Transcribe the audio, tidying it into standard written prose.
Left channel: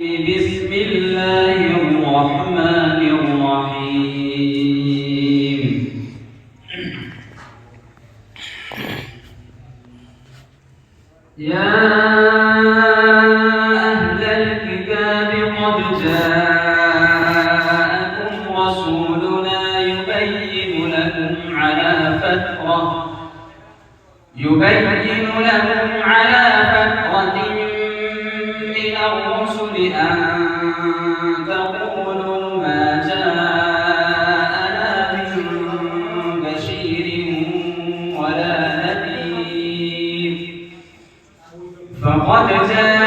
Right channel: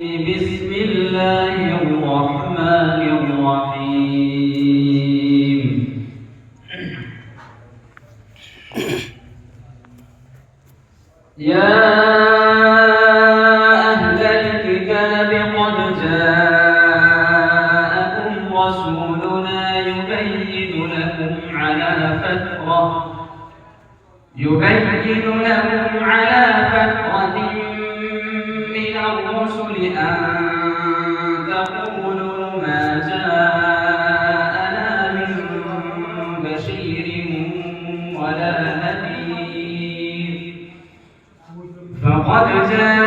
بسم الله الرحمن الرحيم. يا أهل الكتاب قد جاءكم رسولنا يبين لكم على فترة من الرسل أن تقولوا ما جاءنا من بشير ولا نذير فقد جاءكم